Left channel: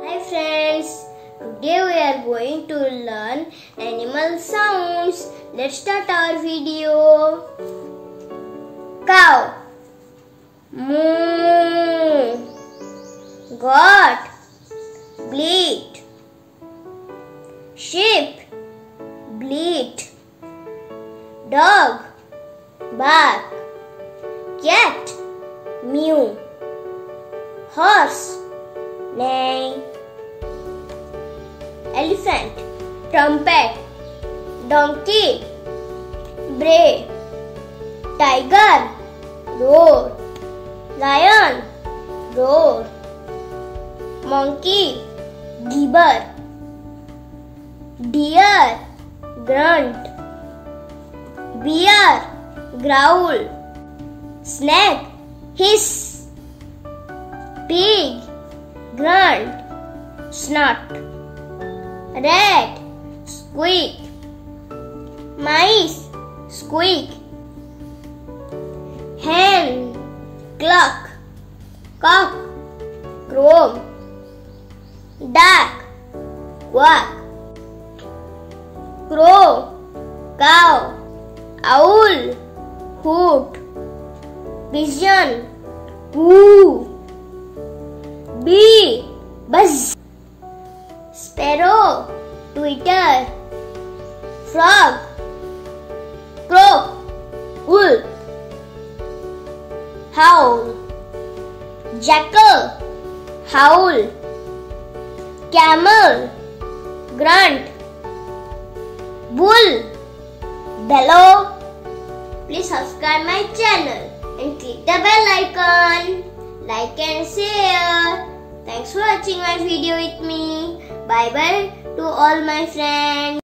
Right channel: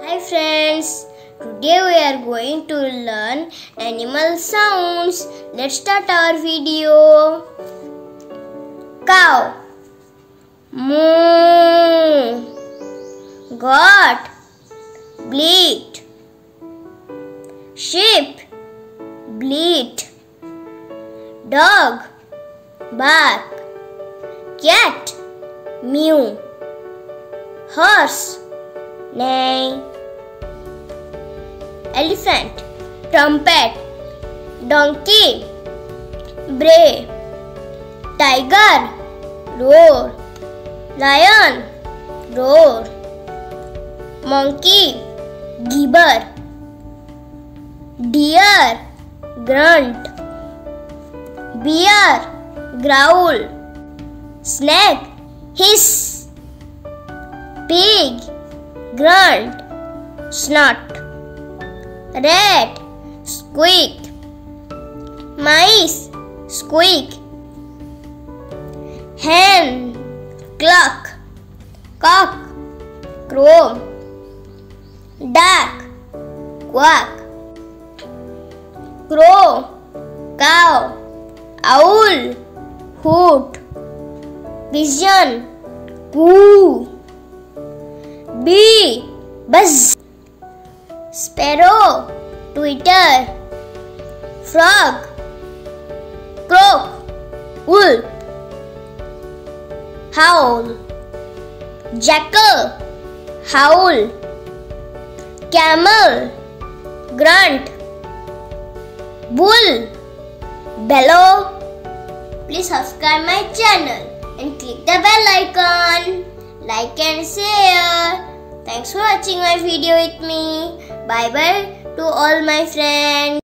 Hi friends, today we are going to learn animal sounds. Let's start our video. Cow, moo. Goat, bleat. Sheep, bleat. Dog, bark. Cat, mew. Horse, neigh. Elephant, trumpet. Donkey, bray. Tiger, roar. Lion, roar. Monkey, gibber. Deer, grunt. Bear, growl. Snake, hiss. Pig, grunt, snort. Rat, squeak. Mice, squeak. Hen, cluck. Cock, crow. Duck, quack. Crow, cow. Owl, hoot. Pigeon, coo. Bee, buzz. Sparrow, twitter. Frog, croak. Wolf, howl. Jackal, howl. Camel, grunt. Bull, bellow. Please subscribe my channel and click the bell icon. Like and share. Thanks for watching my video with me. Bye bye to all my friends.